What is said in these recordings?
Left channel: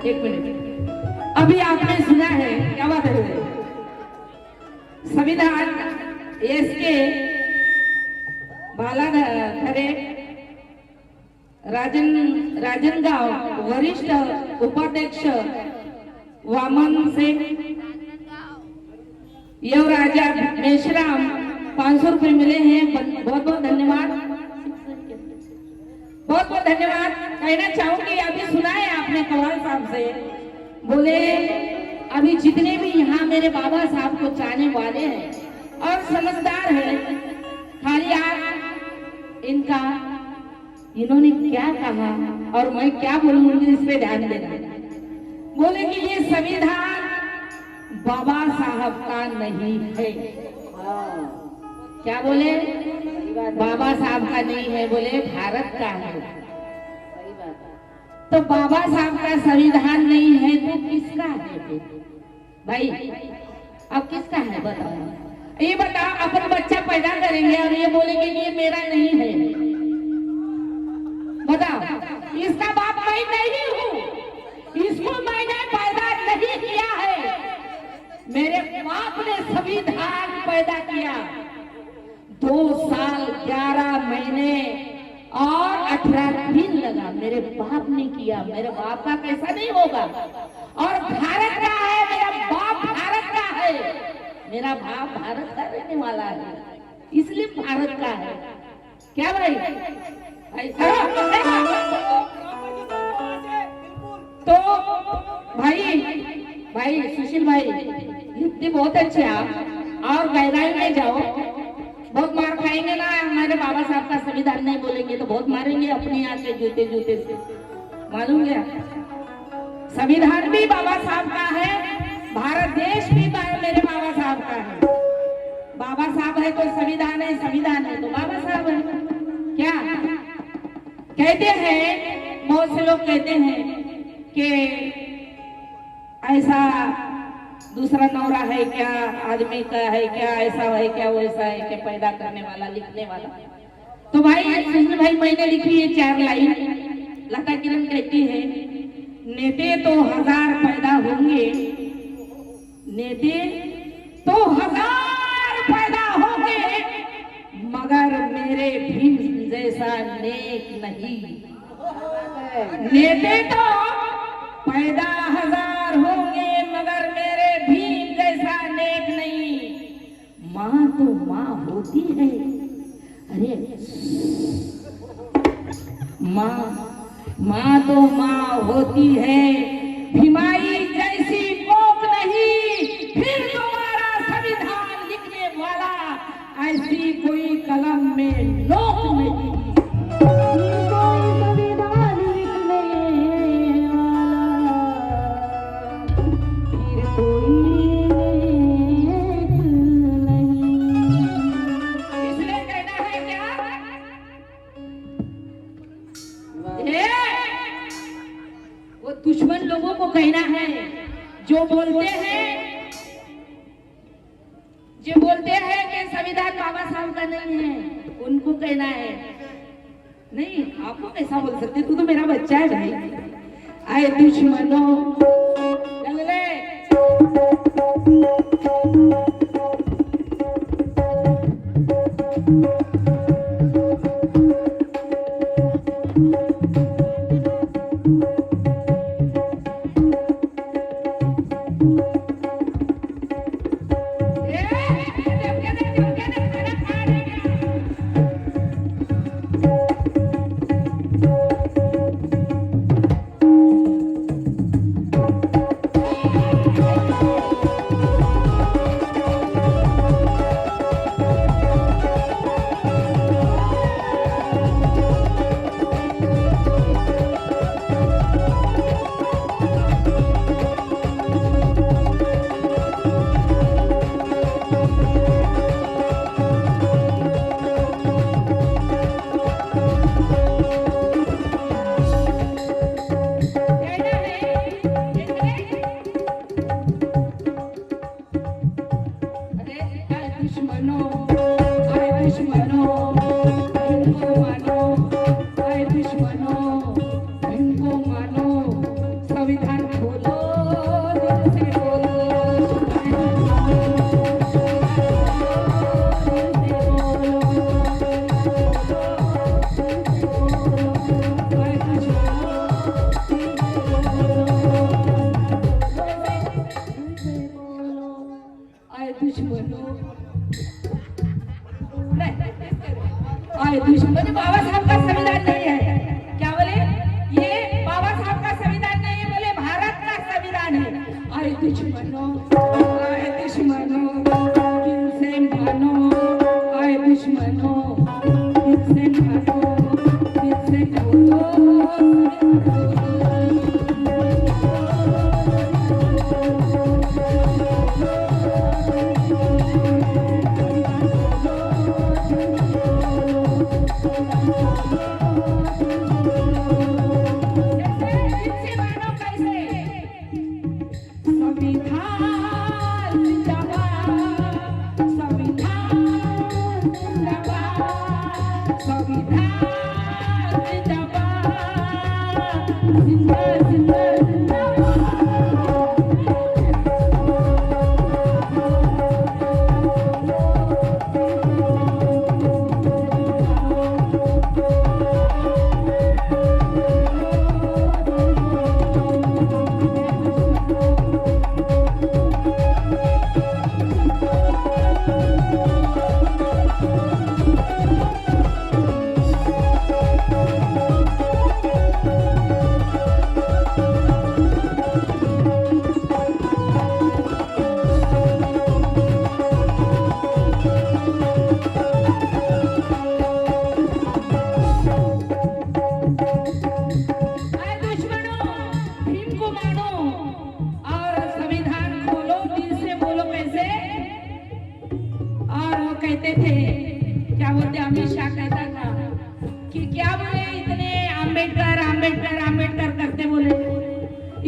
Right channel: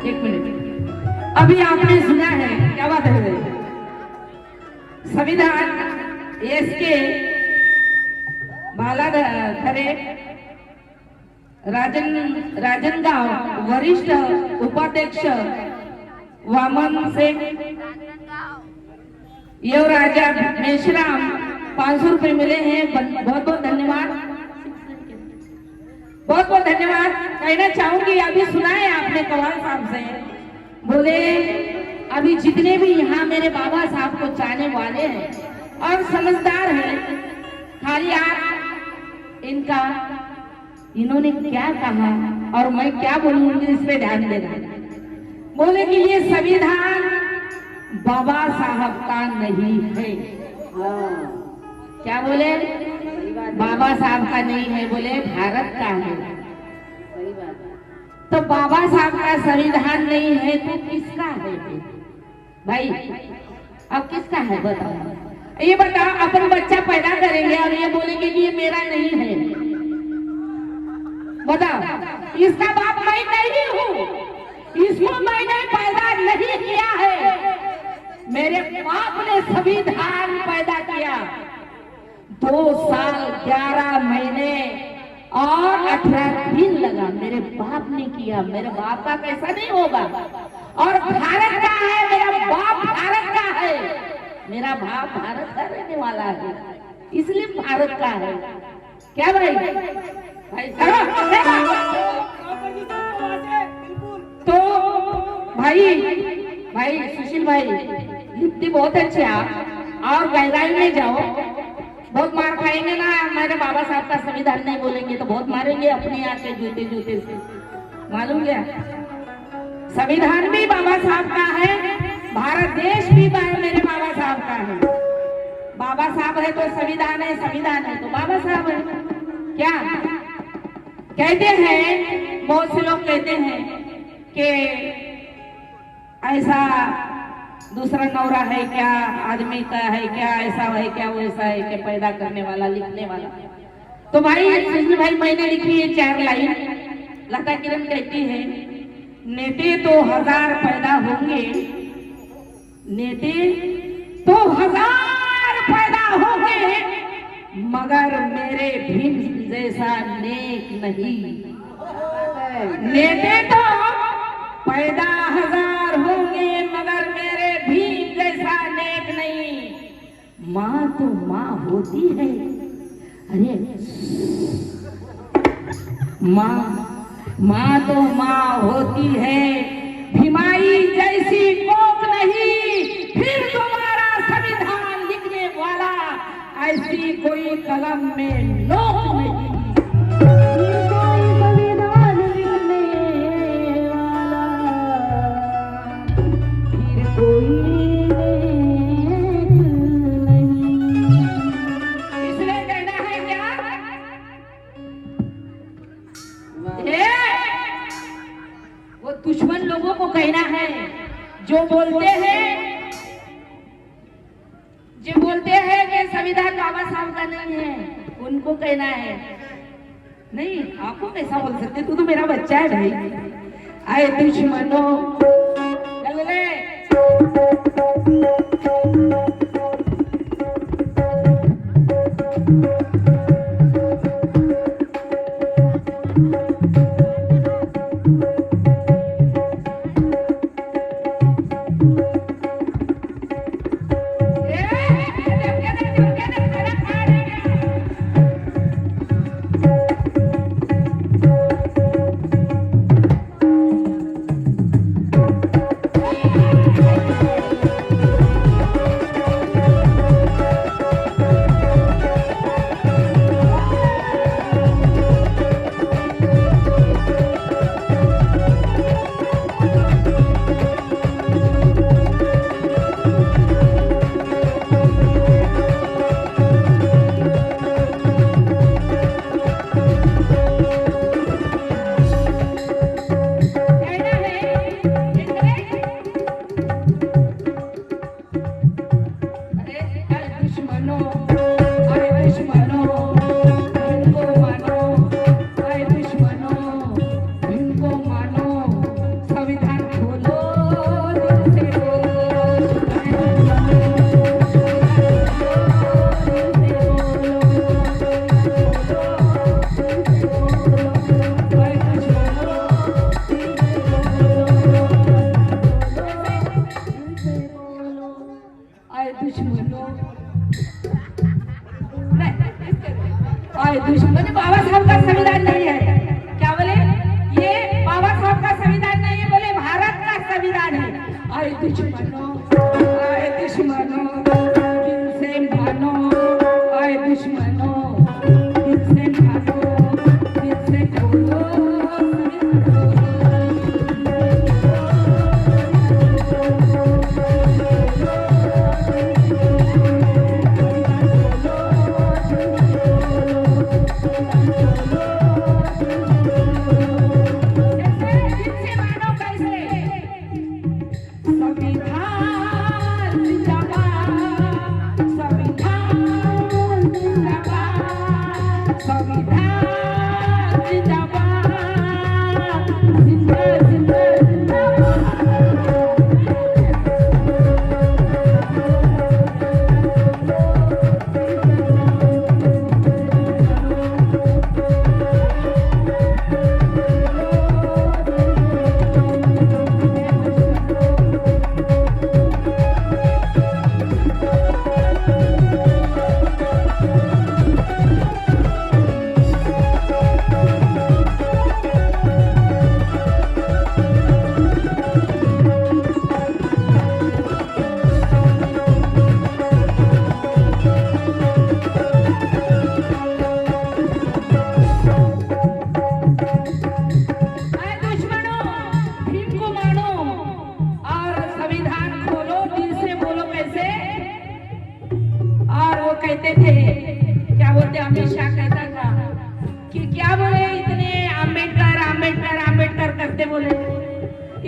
एक मिनट, अभी आपने सुना है, क्या बात है, संविधान एस के बालाघरे राजनगांव वरिष्ठ उपाध्यक्ष वामन सिंह युवराजा मेश्राम 500 रुपए मिले हैं। बहुत बहुत धन्यवाद, बहुत बहुत धन्यवाद। कहना चाहूंगी, अभी सुना है आपने कमाल साहब से, बोले अभी जितने भी यहाँ मेरे बाबा साहब को चाहने वाले हैं और समझदार हैं, खाली आप इनका इन्होंने क्या कहा और मैं क्या बोलूंगी इस पे ध्यान देना। बोले कि ये संविधान बाबा साहब का नहीं है। क्या बोले? बाबा साहब का नहीं है, बोले भारत का है। तो बाबा साहब का संविधान नहीं है तो किसका है भाई? अब किसका है बताओ? ये बताओ, अपन बच्चा पैदा करेंगे और ये बोलेंगे कि ये मेरा नहीं है, बताओ, इसका बाप मैं नहीं हूँ, इसको मैंने पैदा नहीं किया है, मेरे बाप ने संविधान पैदा किया। 2 साल 11 महीने और 18 दिन लगा, मेरे बाप ने किया। मेरे बाप का कैसा नहीं होगा? और भारत का है, मेरा बाप भारत का है, मेरा बाप भारत का रहने वाला है, इसलिए भारत का है। क्या भाई? तो भाई सुशील भाई, युक्ति बहुत अच्छे आप, और गहराई में जाओ, बहुत मार खाएंगे ना। मेरे बाबा साहब का संविधान नहीं बोलेंगे तो बहुत मारेंगे अपने यहाँ के जूते से, मालूम क्या? संविधान भी बाबा साहब का है, भारत देश भी मेरे बाबा साहब का है। बाबा साहब है तो संविधान है, संविधान है तो बाबा साहब है। क्या कहते हैं, बहुत से लोग कहते हैं कि ऐसा दूसरा नौरा है क्या, आदमी का है क्या, ऐसा है क्या, वैसा है क्या, पैदा करने वाला, लिखने वाला। तो भाई मैंने लिखी है 4 लाइन। लता किरण कहती है, नेते तो 1000 पैदा होंगे, नेते तो 1000 पैदा होंगे, मगर मेरे भीम जैसा नेक नहीं। नेते तो पैदा 1000 होंगे, मगर मेरे भीम जैसा नेक नहीं। माँ तो माँ होती है, अरे माँ तो माँ होती है, भीमाई जैसी कोक नहीं। फिर तुम्हारा संविधान लिखने वाला ऐसी कोई कलम में नोक नहीं। दुश्मन लोगों को कहना है, जो बोलते हैं कि संविधान बाबा साहब का नहीं है, उनको कहना है नहीं। आपको कैसा बोल सकते, तू तो मेरा बच्चा है भाई। आए दुश्मनों, चल रे। दुश्मन बाबा साहब का संविधान नहीं है। क्या बोले? ये बाबा साहब का संविधान नहीं है, बोले भारत का संविधान है। आए दुश्मनों, दिल से मानो, आए दुश्मनों, दिल से मानो, दिल से बोलो, कहते थे, क्या बोलते, अमित शाह कहता था कि क्या बोले, इतने आम्बेडकर आम्बेडकर आम्बेडकर करते बोले,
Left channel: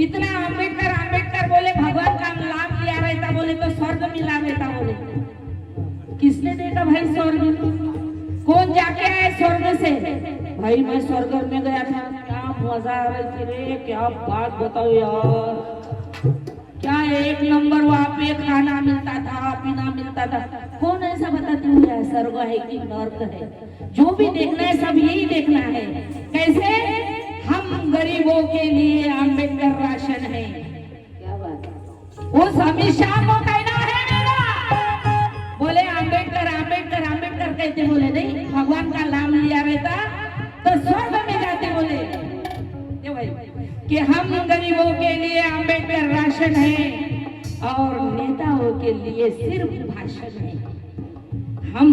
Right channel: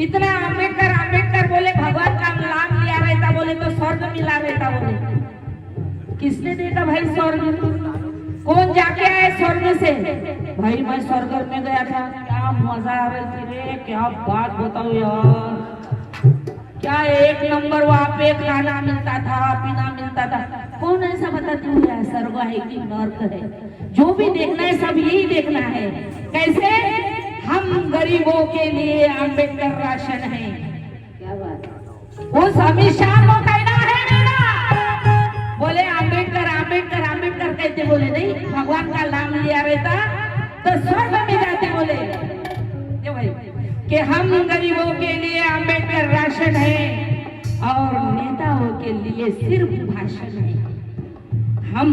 इतना आम्बेडकर आम्बेडकर बोले, भगवान का नाम लिया रहता बोले तो स्वर्ग मिला रहता बोले। किसने देखा भाई स्वर्ग? कौन जाके आए स्वर्ग से? भाई मैं स्वर्ग में गया था, क्या मजा आ रही थी रे, क्या बात बताओ यार, क्या एक नंबर वहाँ पे खाना मिलता था, पीना मिलता था। कौन ऐसा बताती है स्वर्ग है कि नर्क है? जो भी देखना है सब यही देखना है। कैसे? हम गरीबों के लिए अम्बेडकर राशन है। क्या बात? उस अमित शाह को कहना है मेरा, बोले अम्बेडकर अम्बेडकर अम्बेडकर कहते बोले, नहीं भगवान का नाम लिया रहता तो स्वर्ग में जाते बोले कि हम गरीबों के लिए अम्बेडकर राशन है और नेताओं के लिए सिर्फ भाषण है। हम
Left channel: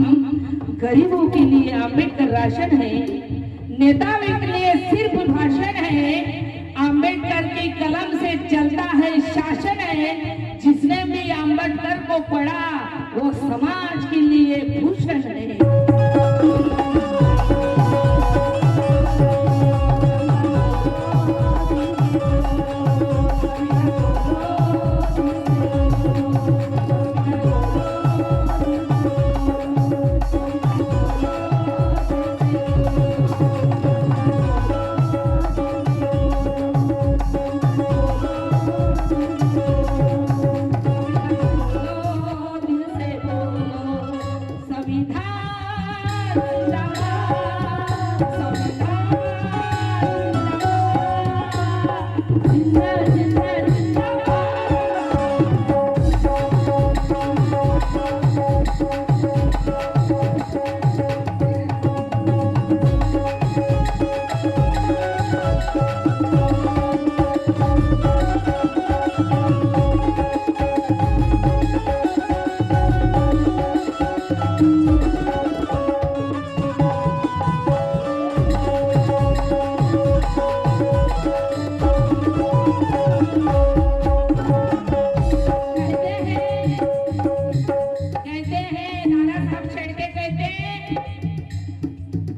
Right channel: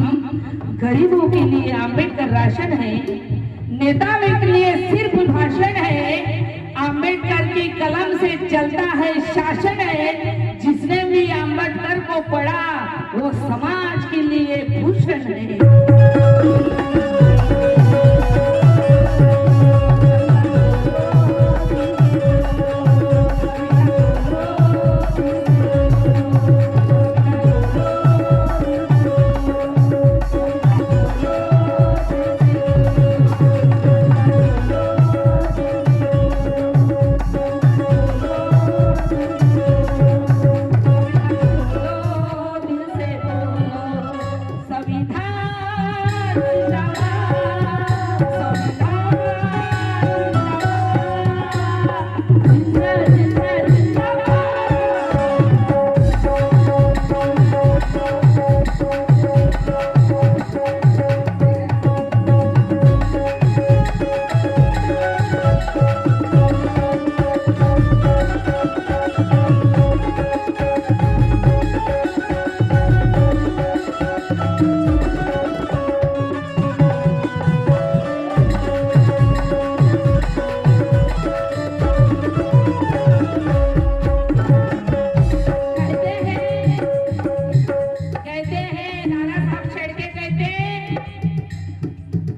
गरीबों के लिए अम्बेडकर राशन है, नेताओं के लिए सिर्फ भाषण है। अम्बेडकर की कलम से चलता है शासन है। जिसने भी अम्बेडकर को पढ़ा वो समाज के लिए भूषण है।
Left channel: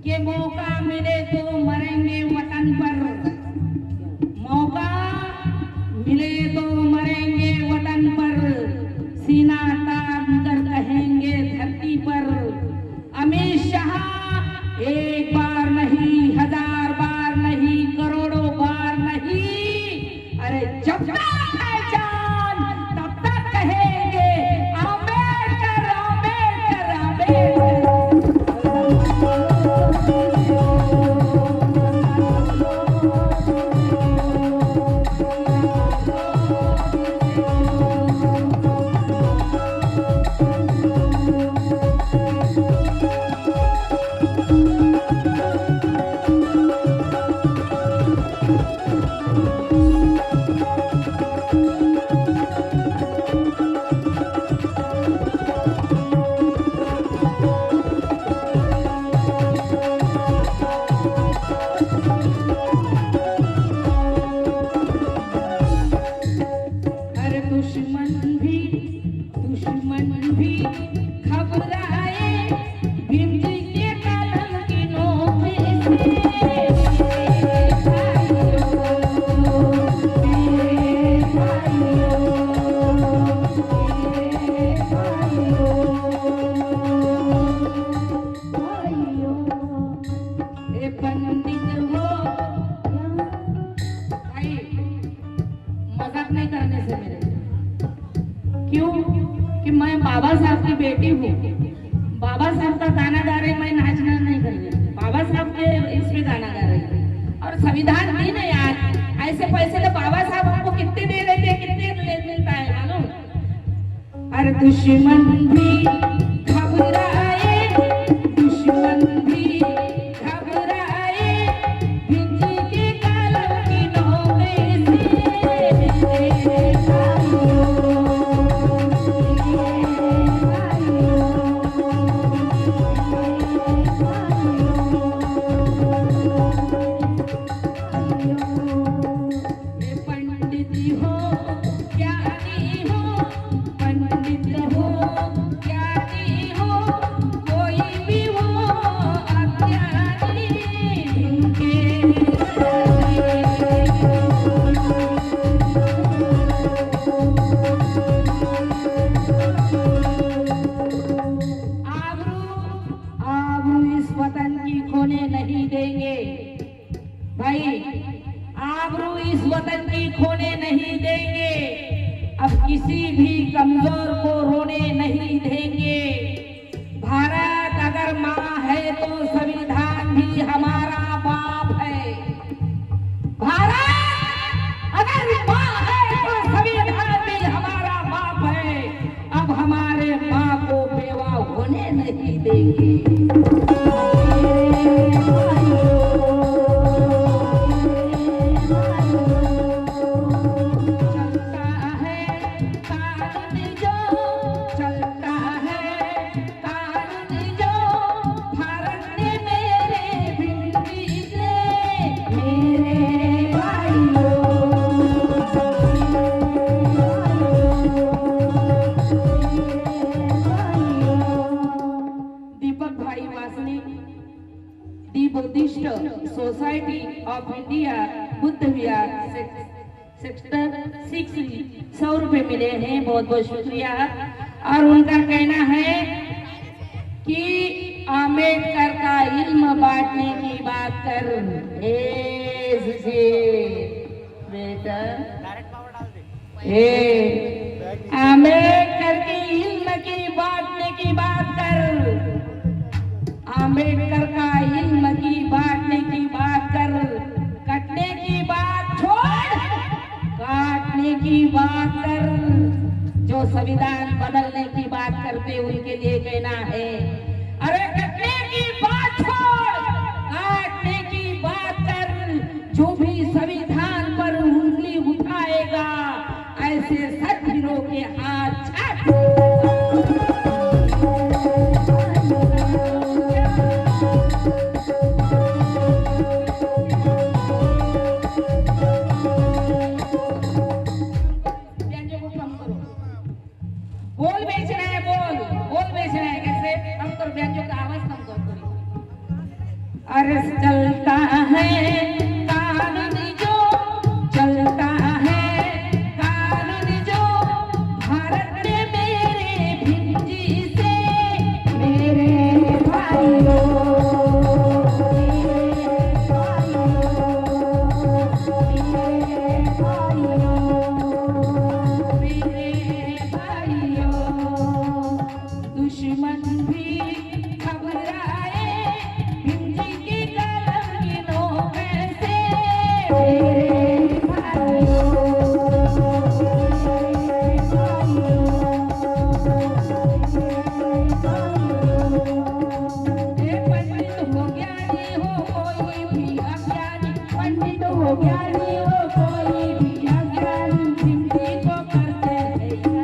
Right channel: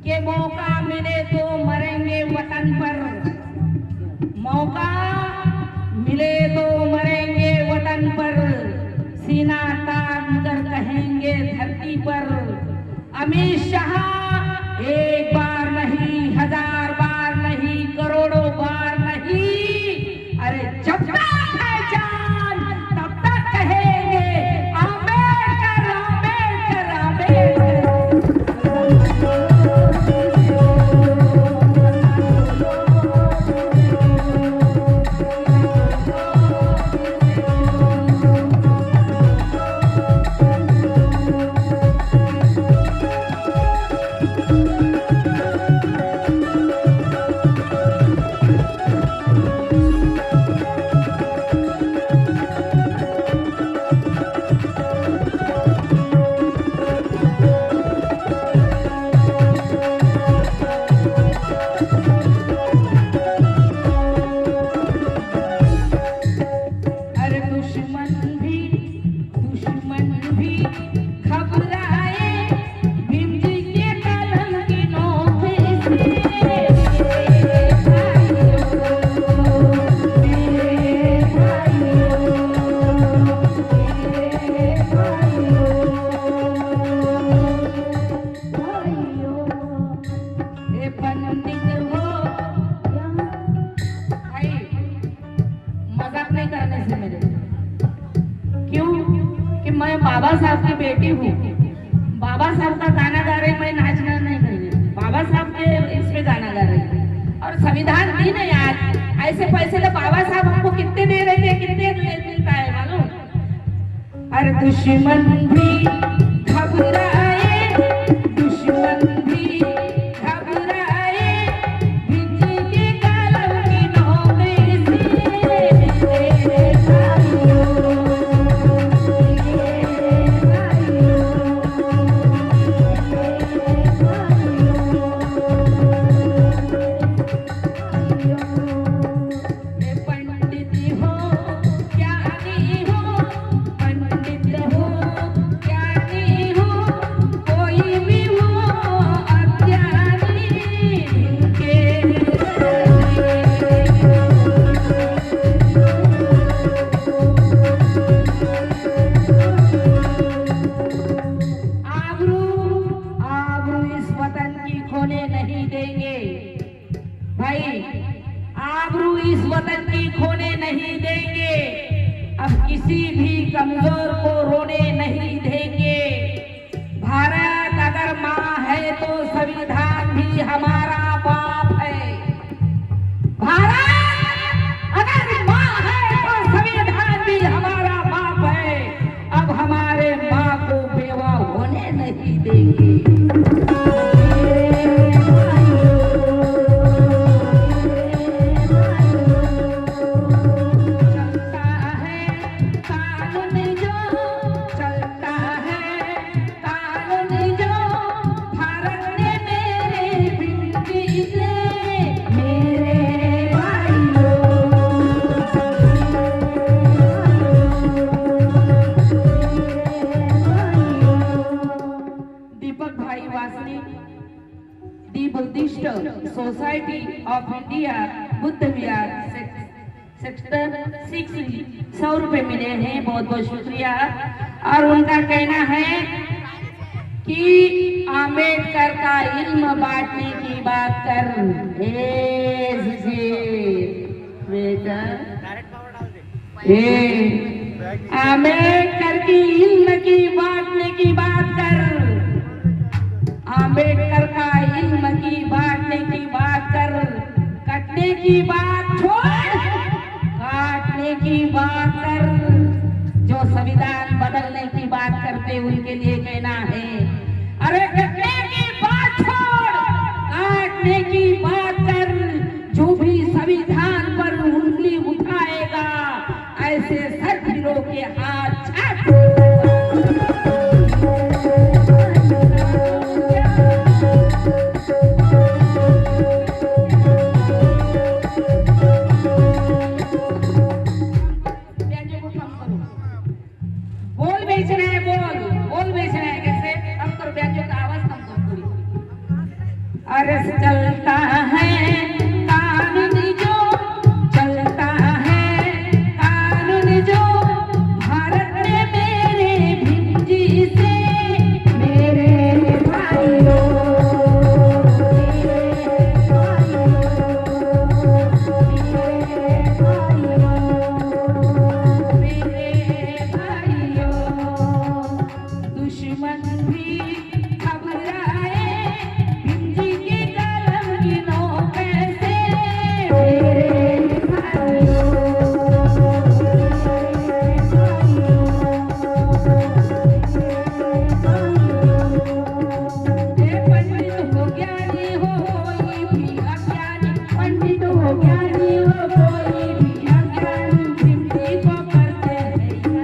कि मौका मिले तो मरेंगे वतन पर, मौका मिले तो मरेंगे वतन पर, सीना तान कर कहेंगे धरती पर, अमित शाह एक बार नहीं, हजार बार नहीं, करोड़ों बार नहीं, अरे जब तक है जान तब तक कहेंगे आंबेडकर आंबेडकर आंबेडकर। मैं बाबा साहब की बेटी हूँ, बाबा साहब का गाना गा रही, मैं नाचना नहीं कर रही, बाबा साहब के इसमें गाना गा रही। और संविधान दी ना यार, ऐसे पैसे तो बाबा साहब हमको कितने दे रहे थे, कितने देता है मालूम। अरे दुश्मन भी घबराए, दुश्मन भी घबराए, भिंजी के कालम की नौकरी से आबरू इस वतन की खोने नहीं देंगे, अब किसी भी कमजोर को रोने नहीं देंगे। भारत अगर माँ है तो संविधान भी हमारा बाप है, भारत अगर माँ है तो संविधान भी हमारा बाप है, अब हमारे माँ को बेवा होने नहीं देंगे। Buddhist society of India Buddha Vihar sector 6 100 रुपए मिले हैं, बहुत बहुत शुक्रिया। और उनका कहना है कि आम्बेडकर का इल्म बांटने की बात कर, आम्बेडकर की इल्म की बांटने की बात कर, आम्बेडकर का इल्म की बांटने की बात कर, कटने की बात छोड़, काटने की बात कर। जो संविधान बदलने की बात करते उनके लिए कहना है, अरे कटने की बात छोड़, काटने की बात कर। जो भी संविधान पर उंगली उठाएगा ऐसे सत्पुरुषों के हाथ अरस चलता है कानून जो चलता है कानून जो भारत में मेरे भिंजी से मेरे भाइयों दुश्मन भी घबराए भिंजी की कलम की नोक से मेरे पंडित हो ज्ञानी हो कोई भी अज्ञानी पंडित हो ज्ञानी हो कोई भी अज्ञानी भिंजी को करते हैं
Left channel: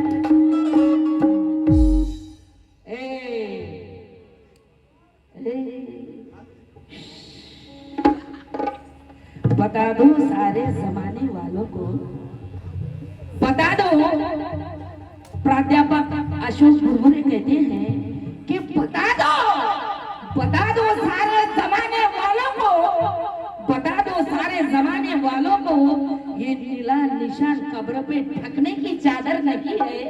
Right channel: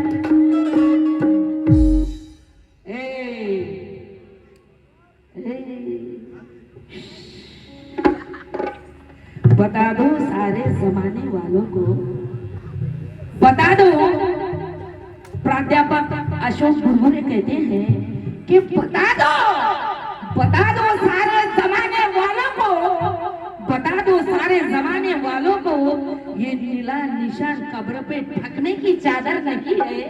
बता दो सारे जमाने वालों को बता दो प्राध्यापक अशोक बुरबुरे कहते हैं कि बता दो सारे जमाने वालों को बता दो सारे जमाने वालों को ये नीला निशान कब्र पे ढकने की चादर नहीं है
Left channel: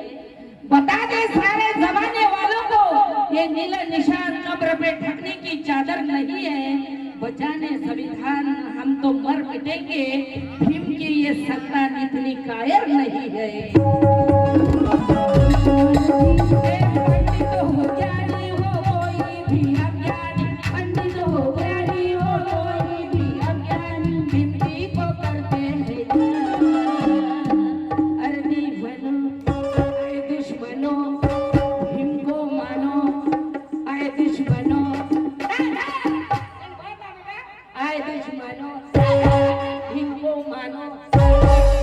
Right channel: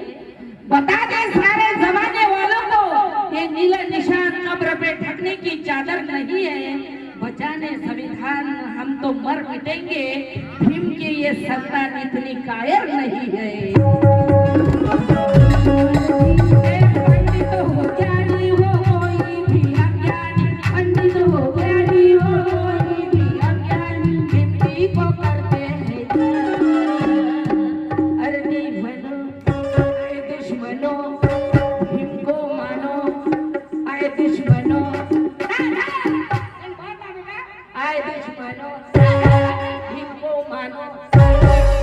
बता दे सारे जमाने वालों को ये नीला निशान कब्र पे ढकने की चादर नहीं है बचाने संविधान हम तो मर मिटेंगे भीम की ये सत्ता इतनी कायर नहीं है पंडित हो ज्ञानी हो कोई भी अज्ञानी पंडित हो ज्ञानी हो कोई भी अज्ञानी भीम जी को करते हैं अरे बनो आए दुश्मनों भीम को मानो आए दुश्मनों आए दुश्मनों भीम को मानो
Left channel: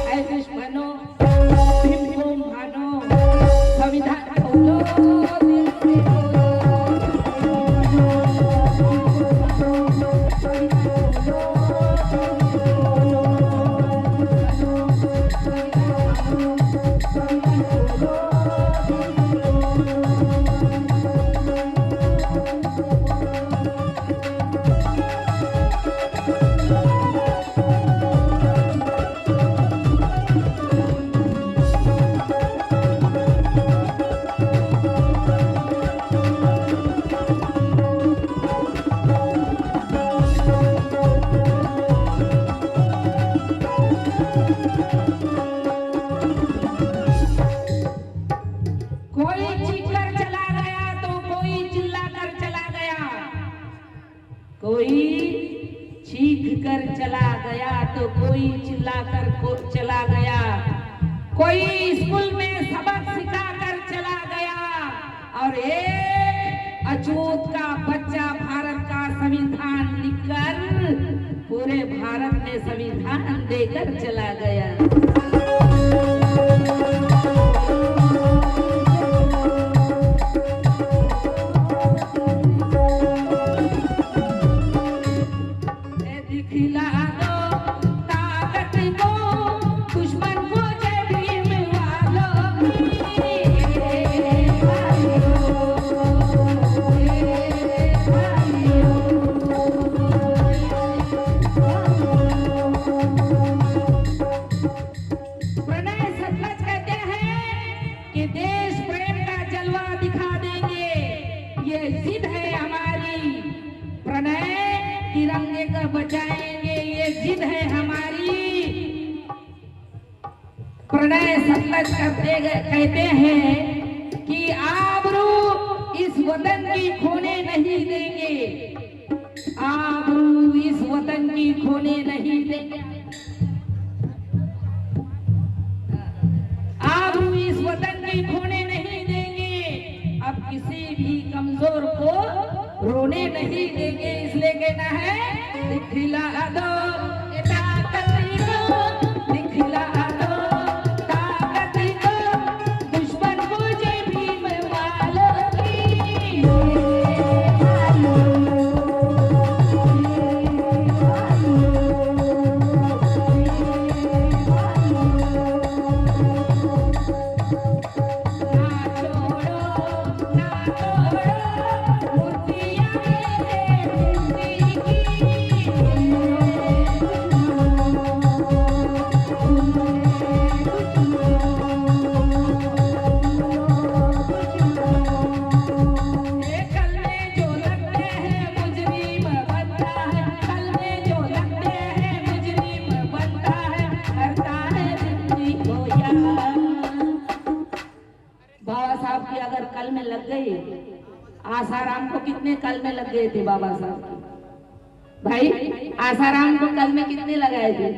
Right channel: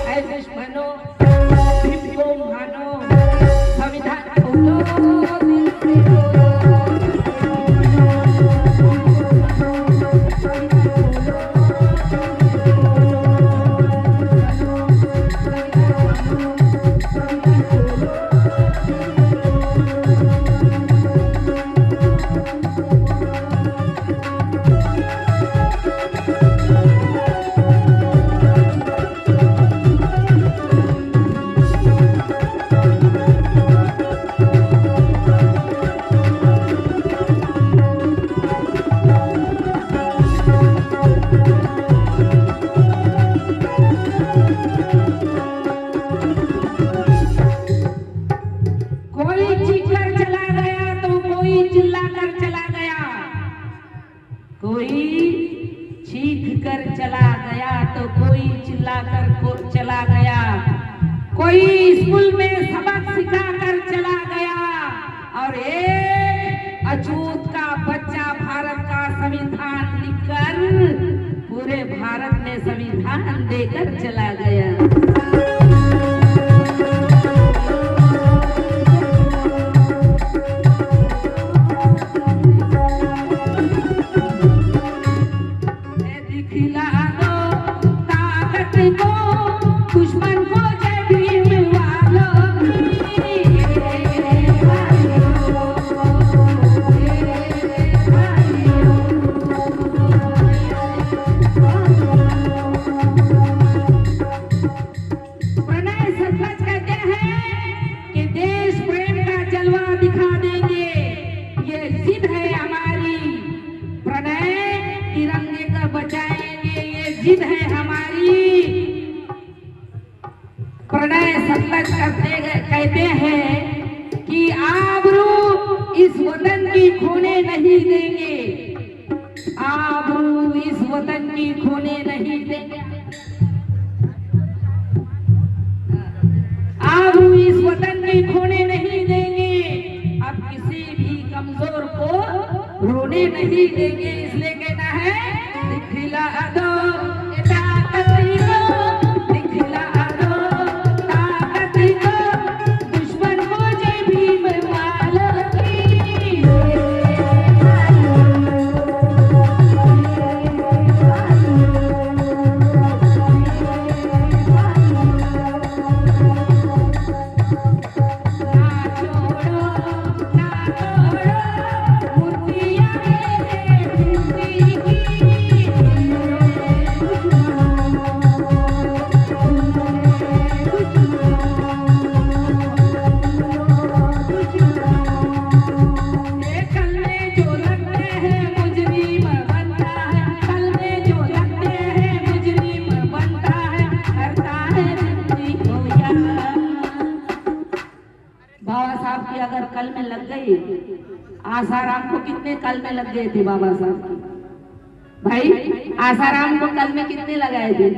आए दुश्मनों भीम को मानो संविधान खोलो कोई चीखकर चला गया तो कोई चिल्लाकर चला गया कोई चीख कर चला गया तो कोई चिल्लाकर चला गया कोई स्कूल में सबक सिखाकर चला गया और एक अछूत का बच्चा भारत का संविधान लिखकर पूरे भारत में संविधान देकर चला गया दिखला दो ताकत को दुश्मन को जय भीम वालों प्रणय सचमुच कहते हैं कि देश प्रेम का जलवा दिखा देंगे ये जिद है हमारी प्रणय तिरंगे को बचाएंगे ये जिद है हमारी प्रणय सचमुच कहते हैं कि आबरू इस वतन की खोने नहीं देंगे आबरू इस वतन की खोने नहीं देंगे आबरू इस वतन की खोने नहीं देंगे अब किसी भी कमजोर को रोने नहीं देंगे इसलिए कहना है दिखला दो ताकत को दिखला दो ताकत को दुश्मन को जय भीम वालों की मूर्तियां कल में लग गए थे बाबा साहब की। भाई आसाराम को कल में कितने लगाए थे?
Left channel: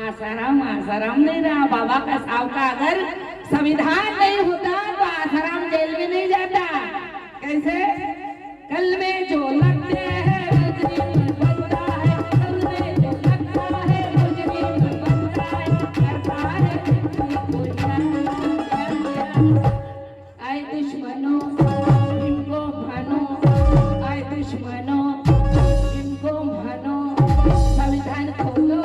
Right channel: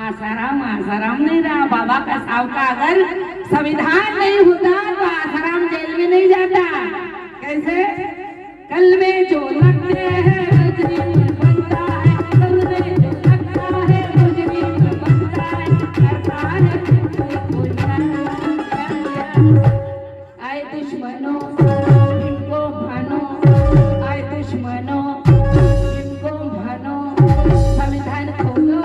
आसाराम आसाराम नहीं रहा। बाबा का साहब का अगर संविधान नहीं होता तो आसाराम जेल में नहीं जाता। कैसे? कल में जो लगते हैं मुजरिम बनता है, कल में जो लगता है मुजरिम बनता है, करता है कोई आए दुश्मनों इनको भानो, आए दुश्मनों इनको भानो, संविधान खोलो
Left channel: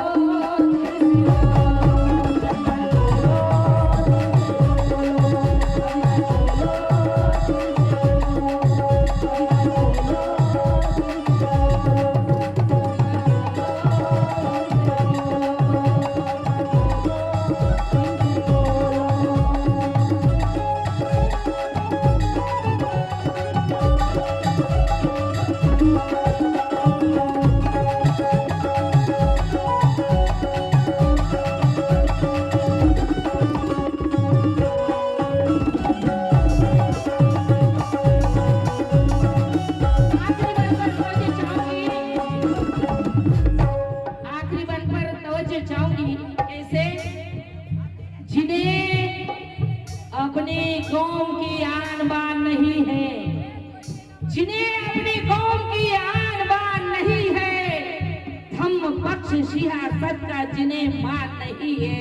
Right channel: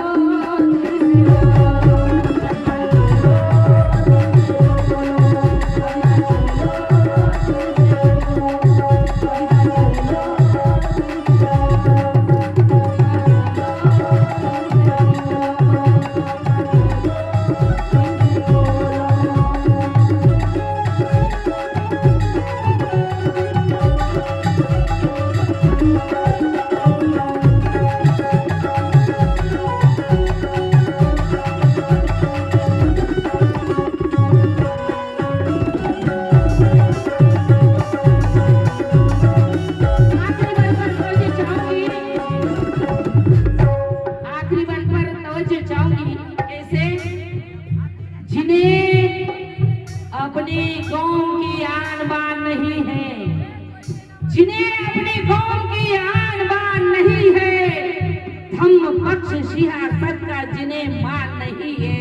सियासत का जिन्हें मान नहीं है,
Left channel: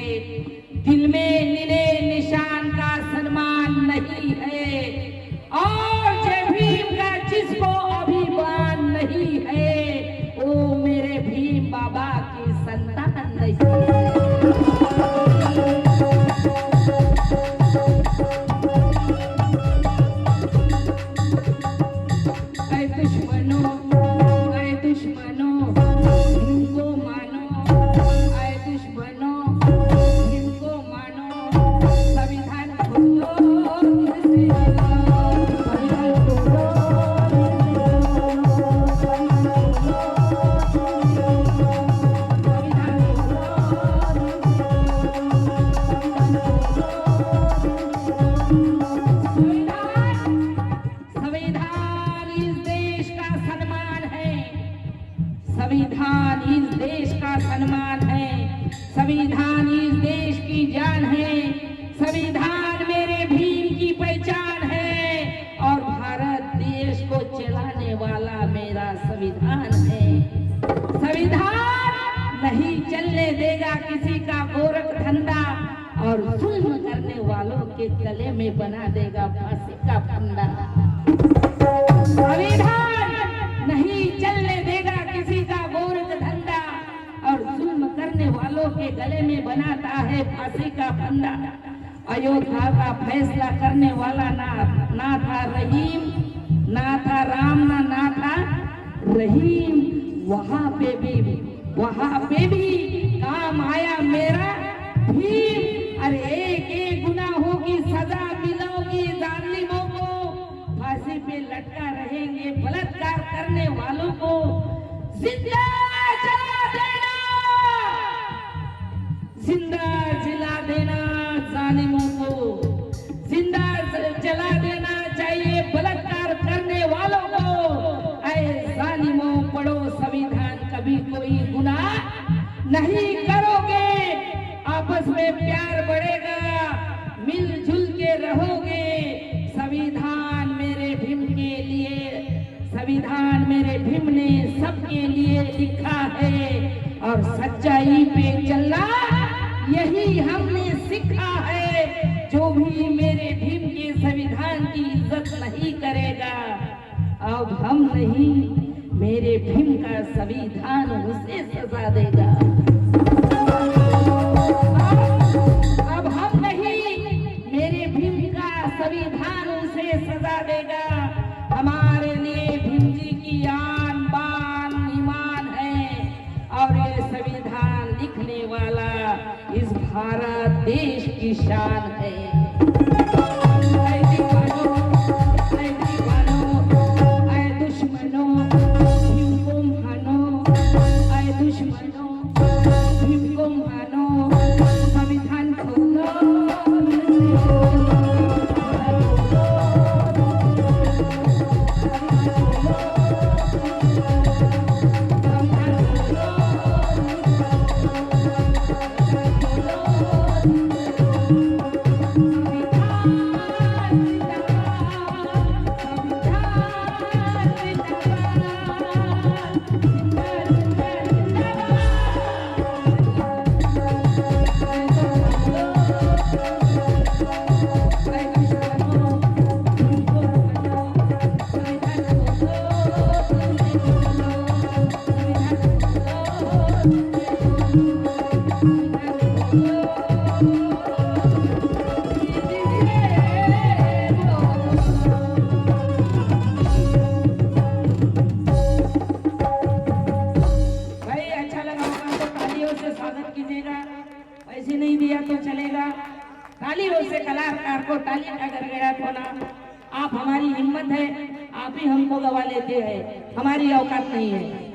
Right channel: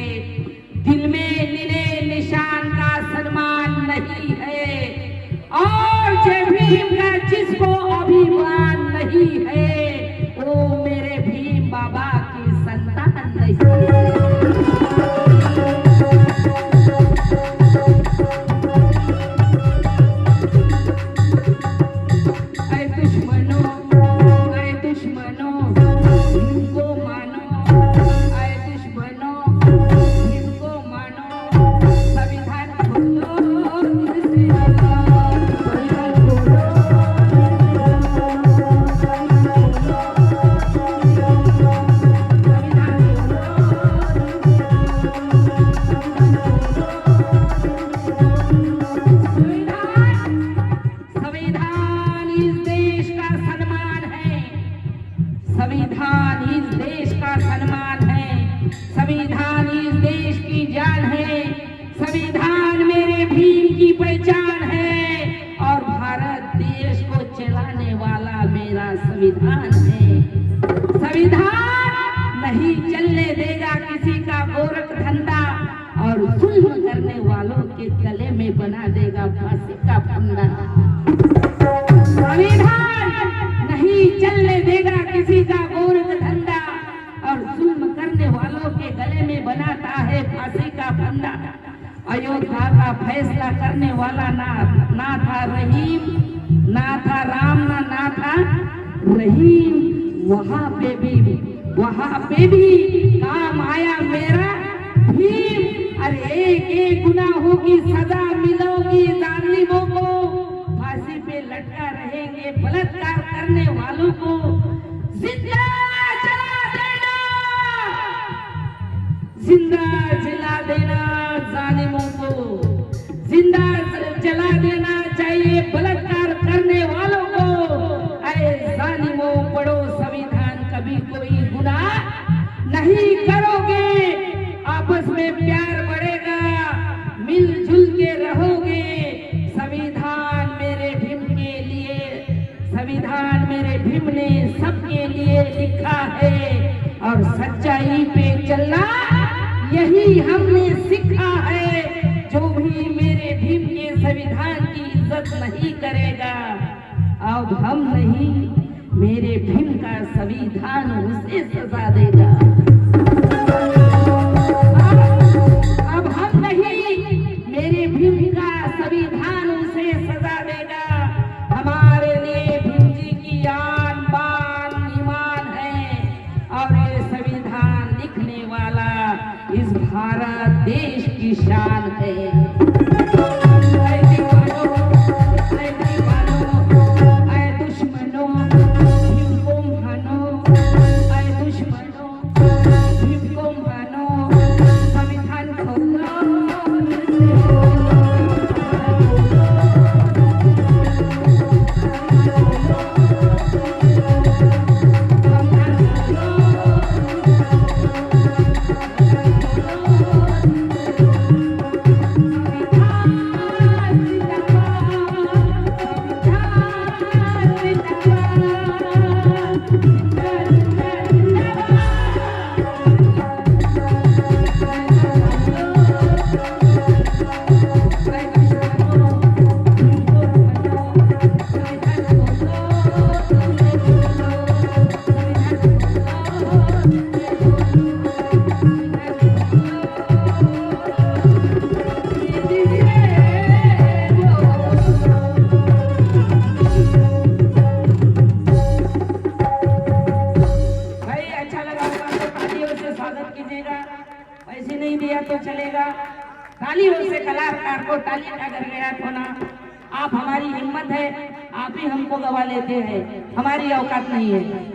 दिल में नीले निशान का सन्मान नहीं है, और जय भीम का जिसको अभिमान नहीं है, वो मेरे भीम बाबा की संतान नहीं है। संविधान इस देश का सम्मान है, संविधान इस देश की जान है, संविधान मेरे भीम की पहचान है, और भारत देश को चलाने वाला मेरा संविधान है। संविधान नहीं चलने देगा किसी का गोरख धंधा, और जुल्म करने वालों के गले में बना देगा फांसी का फंदा। संविधान नहीं चलने देगा किसी का गोरख धंधा, और जुल्म करने वालों के गले में बनाता है फांसी का फंदा। अयोध्या का फैसला करने वाला ना था रहीम, ना था राम, ना था रहीम। वहां पे भी काम आया मेरा भीम। अरे एक गुनाहों की सजा मिलोगी जालिमों को, फांसी पे लटका रहेंगे बलात्कार करने वालों को जिंदा जला देना, जिंदा जला देना जालिमों को, जिंदा जला देना चाहिए बलात्कार करने वालों को। ऐ जालिमों, पढ़ो संविधान, कभी कोई गुनाह नहीं करोगे, आपस में प्यार बढ़ेगा, मिलजुल के रहोगे। संविधान मेरे भीम के लिए, संविधान मेरे भीम ने सबके लिए लिखा है, और सच्चाई पे चलना यही हमने सीखा है। जो भी मेरे भीम के संविधान की इज्जत नहीं करेगा, अब हम नहीं, मेरे भीम का संविधान उसे सजा देगा। अब हम नहीं, मेरे भीम का संविधान उसे सजा देगा। हमारे लिए भीम जी की आन बान ईमान है, और ये संविधान लिखने वाला इस भारत देश की शान है। दुश्मनों भीम को मानो, दुश्मनों पैसे नहीं दिया तो चलेगा, तालियों से कलाकार को ताली का गड़गड़ाहट होना। आप हमारी हिम्मत है, आप ही हमको गवा लेते हैं, हमारी औकात नहीं है।